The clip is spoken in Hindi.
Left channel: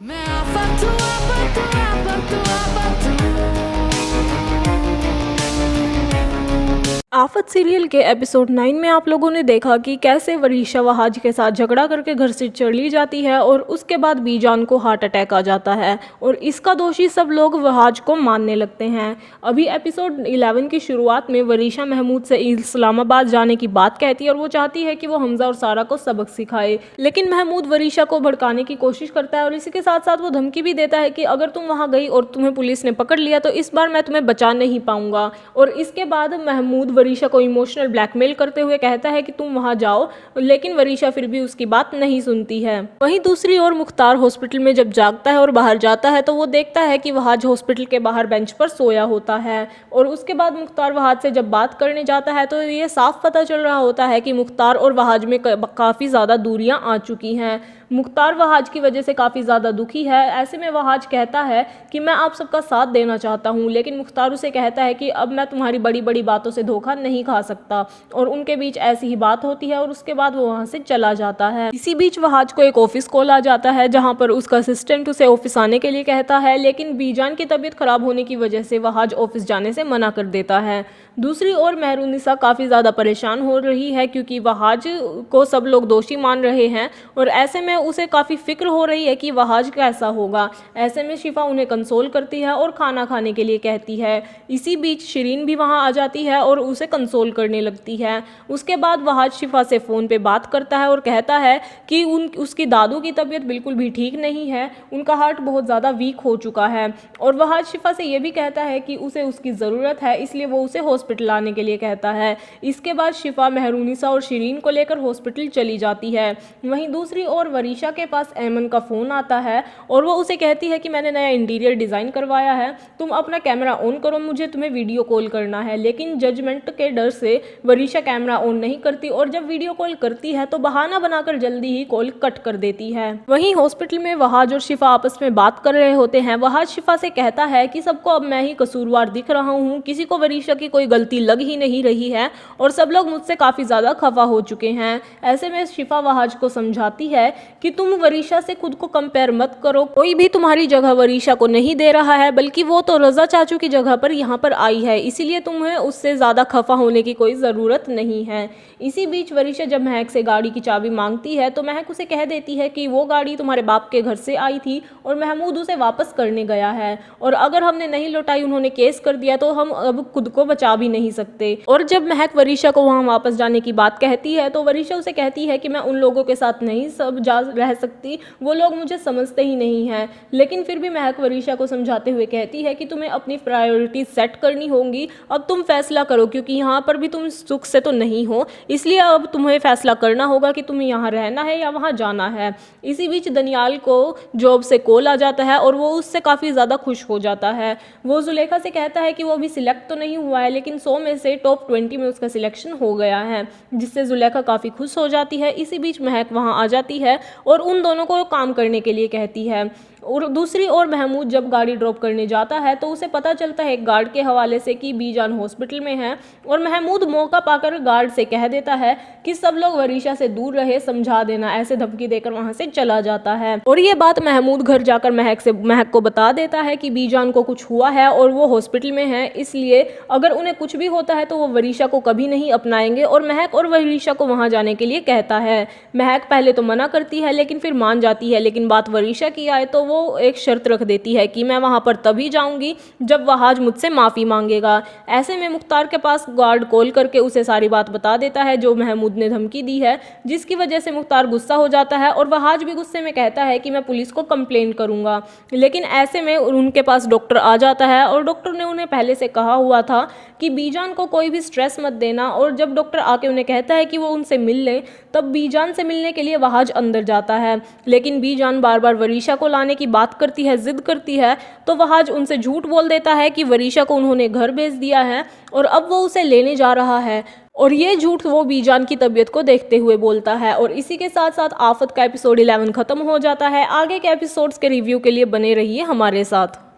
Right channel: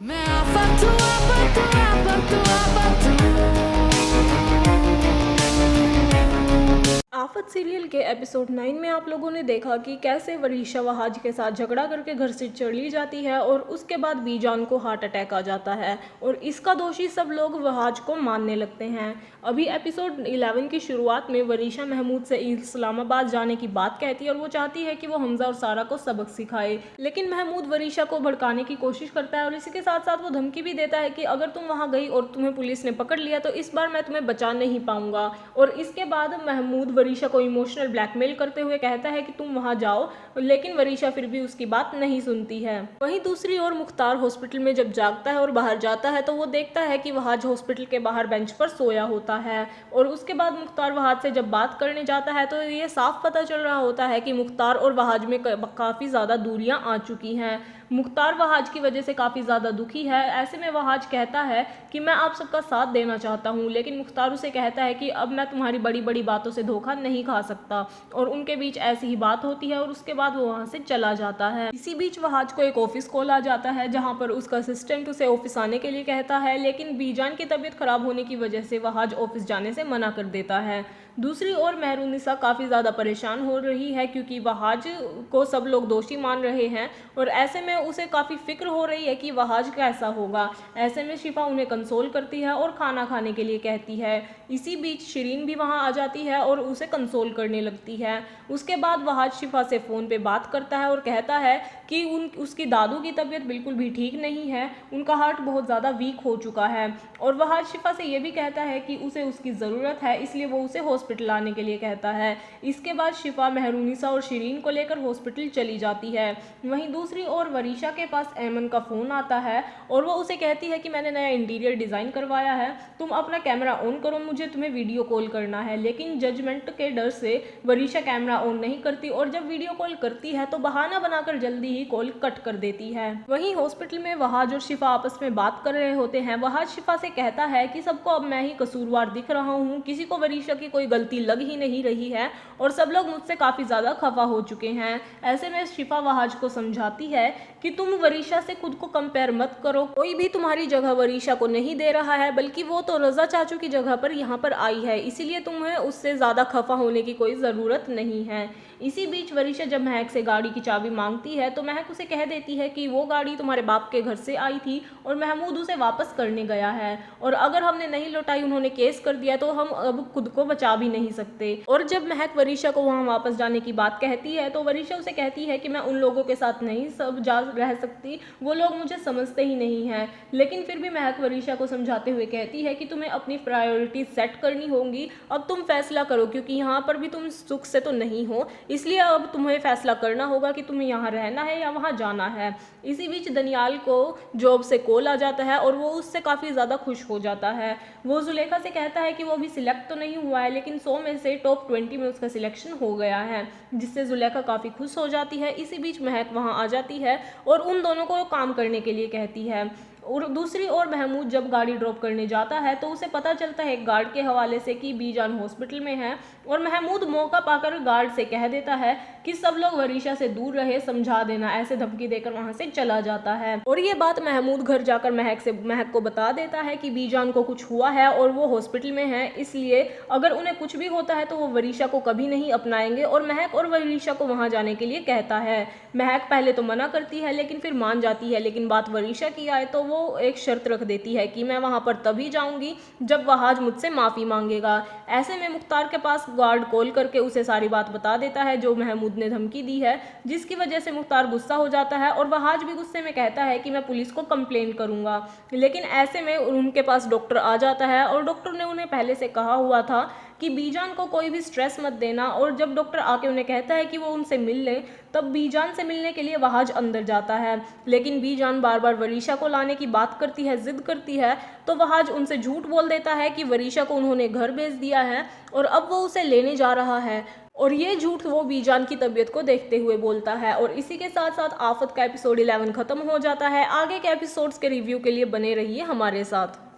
मैं आफत आफत सीरियल के एपिसोड 9 में आप लोगों ने देखा कि कैसे वरीशा वहाज के साथ झगड़ा करके घर से चली जाती है और उसके बाद बीजान को हार्ट अटैक आ जाता है और इसका दोषी सब लोग वहाज को मानने लगते हैं। अभी एपिसोड 11 की शुरुआत में वरीशा महमूद से इस्लामाबाद जाने की बात कहती है और वो चाहती है कि वो हमजा और सारा को सबक सिखाए, लेकिन महमूद वरीशा को भड़काने की कोशिश करता है और इसी के साथ साथ वो धमकी भी देता है कि अगर तुम वहाँ गई और तुम्हें पुलिस ने पकड़ लिया तो इस बार मैं तुम्हें बचा नहीं पाऊंगा। और इसके बाद महमूद वरीशा को इमोशनल ब्लैकमेल करते हुए कहता है कि तुम वहां जाओ, लेकिन वरीशा फिर भी उसकी बात नहीं सुनती है। वहीं दूसरी ओर मुख्तार हॉस्पिटल में जब जागता है और बाहर जाता है तो वो देखता है कि वहाज हॉस्पिटल के बाहर बेंच पर सोया होता है और उसके बाद मुख्तार वहाज से जब बात करने जाता है तो ये साफ पता चल रहा होता है कि मुख्तार और वहाज में काफ़ी ज़्यादा दूरियां आ चुकी हैं। मुख्तार वहाज की वजह से काफ़ी ज़्यादा दुखी है। ऐसे में वहाज कहता है कि मैं आप सबका साथ देना चाहता हूँ, लेकिन मुख्तार उसे कहता है कि अब मैं तुम्हारी बड़ी बड़ी बातों से धोखा नहीं खा सकता। और उनके बीच ऐसी ही बात होती है और उसके बाद वो वहाँ से चला जाता है। इसी बीच वहाज को एक ऑफिस कॉल आ जाता है जहाँ पर उसका असिस्टेंट उसे ऑफिस आने के लिए कहता है, लेकिन बीजान की तबीयत खराब होने की वजह से वहाज ऑफिस जाने से मना कर देता है। दूसरी ओर मेहरुनिसा काफ़ी ज़्यादा परेशान हो रही है क्योंकि वहाज को सब लोग दोषी मान रहे हैं और ऐसे में उसे काफ़ी फिक्र हो रही है कि वहाज कैसा होगा। ऐसे में शिफा उन्हें कंसोल करती है और खाना खाने के लिए कहती है। इसी बीच शिरीन भी वहां आ जाती है और उसे कंसोल करने लगती है। उसके बाद वहाज शिफा से फ़ोन पे बात करता है और कहता है कि उसकी दादू की तबीयत बिल्कुल भी ठीक नहीं है, उनका हार्ट बहुत ज़्यादा वीक हो चुका है। और वहाज शिफा से ये भी कहता है कि उसे उसकी ज़रूरत है, इसलिए वो उसे हॉस्पिटल आने के लिए कहता है। इसके बाद शिफा मेहरुनिसा और शिरीन को लेकर हॉस्पिटल चली जाती है। वहीं दूसरी ओर वरीशा के पास ऐमन का फ़ोन आता है और वो उसे कहती है कि मैंने नया इंटीरियर डिज़ाइन करवाया है, तुम अपना कैमरा ऑन करो, मुझे तुम्हें वीडियो कॉल करना है। लेकिन जजमेंट के डर से वरीशा कैमरा ऑन नहीं करती और जब वीडियो कॉल करती है तो बहाना बनाकर जल्दी ही कॉल कट कर देती है। वहीं हॉस्पिटल में वहाज और शिफा आपस में बात कर रहे होते हैं। वहाज शिफा से कहता है कि सबको अब मैं ही कसूरवार दिख रहा हूँ, किसी को वरीशा की कोई गलती लग ही नहीं रही है और सब लोग मुझसे काफ़ी ज़्यादा खफा हो चुके हैं। ऐसे में शिफा वहाज को समझाती है कि तुम वरीशा से खुद को कंपेयर मत करो, कोई भी तुम्हारी जगह वरीशा को नहीं दे रहा है, बल्कि वो तो रजा चाचू की जगह पर यहाँ पर आई है, इसीलिए तुम्हें उससे ज़्यादा खफा होने की कोई ज़रूरत नहीं है। इसी बीच वरीशा जब महक से गाड़ी की चाबी मांगती है तो महक उसे कह देती है कि वो गाड़ी तुम्हारे बाप के घर से आई थी और महमूद उसे वापस करने गया है और अगर हमने नहीं लौटाई, उन्होंने केस कर दिया तो हम अब खुद को बचा भी नहीं सकते। और जब महक वरीशा को वहाँ वापस जाने की बात कहती है तो वरीशा उसे कहती है कि मैं उन लोगों के साथ नहीं सब जा रह सकती, वो लोग मुझे समझते ही नहीं हैं। लेकिन फिर भी महक वरीशा को समझाते हुए कहती है कि तुम्हें अपनी प्रायोरिटी सेट करनी होंगी, अब तुम फैसला करो क्योंकि यहाँ पर भी तुम सुख से तो नहीं हो, इसलिए अब तुम्हें फैसला करना होगा कि तुम्हें यहाँ रहना है या वहाँ जाना है। इसी बीच दनियाल को जॉब से कॉल आ जाता है और वो उससे काफ़ी ज़्यादा खुश हो जाता है। वो जुलेखा से कहता है कि वो अभी सिलेक्ट तो नहीं हुआ है, लेकिन 100 में से टॉप 20 में उसका सिलेक्शन हो गया है, जिससे जुलेखा काफ़ी खुश हो जाती है। इसी बीच महक वहाँ आ जाती है और उन दोनों को काम करने के लिए कहती है। और दूसरी ओर महमूद जब गाड़ी ड्रॉप करने जाता है तो उसे पता चलता है एक गार्ड के हवाले से कि बीजान हॉस्पिटल में है और महमूद मौका पाकर गार्ड से कह देता है कि सब लोग वरीशा से दूर रहे, समझा देना, ऐसे धमकी देकर वहां से चला जाता है। और ये बात महमूद घर जाकर महक को बता देता है कि बीजान को कुछ हुआ है और वो हॉस्पिटल में है, इसलिए अगर उन्हें कुछ भी होता है तो वो वरीशा को कभी नहीं अपनाएंगे और महक और वरीशा को वहां जाने के लिए कहता है। महक पहले तो मना करती है लेकिन फिर मान जाती है, लेकिन बात वरीशा की आए तो वो एक शर्त रख देती है कि मैं वहां पर तभी जाऊंगी जब वहाज मुझसे माफ़ी मांगेगा। ऐसे में मुख्तार के पास गार्ड कॉल करके उसे सारी बात बता देता है जो महमूद ने धमकी दी है, जिसकी वजह से मुख्तार गुस्सा हो जाता है और वहाज भी गुस्से में कहता है कि मैं पुलिस को कंप्लेन करूंगा। लेकिन ऐसे में उनके पास डॉक्टर आ जाता है और डॉक्टर ने उन्हें पहले से कहा हुआ था कि बीजान को कोई भी स्ट्रेस मत देना। और जब डॉक्टर आके उन्हें कहता है कि वो उनसे मिल ले, तब बीजान से मिलने के लिए वहाज अंदर जाता है, लेकिन बीजान बार बार वरीशा को लाने की बात करती है, जिद करती है, तो वहाज उनसे झूठ बोल देता है कि वरीशा को उन्होंने घर भेज दिया है और अब वो उसे लेने जा रहा है। और ये झूठ वो बीजान की तबीयत को देखते हुए बोलता है। और इसी के साथ साथ आफत का एपिसोड 11 खत्म हो जाता है। आगे के एपिसोड्स के रिव्यू के लिए बने रहिए हमारे साथ।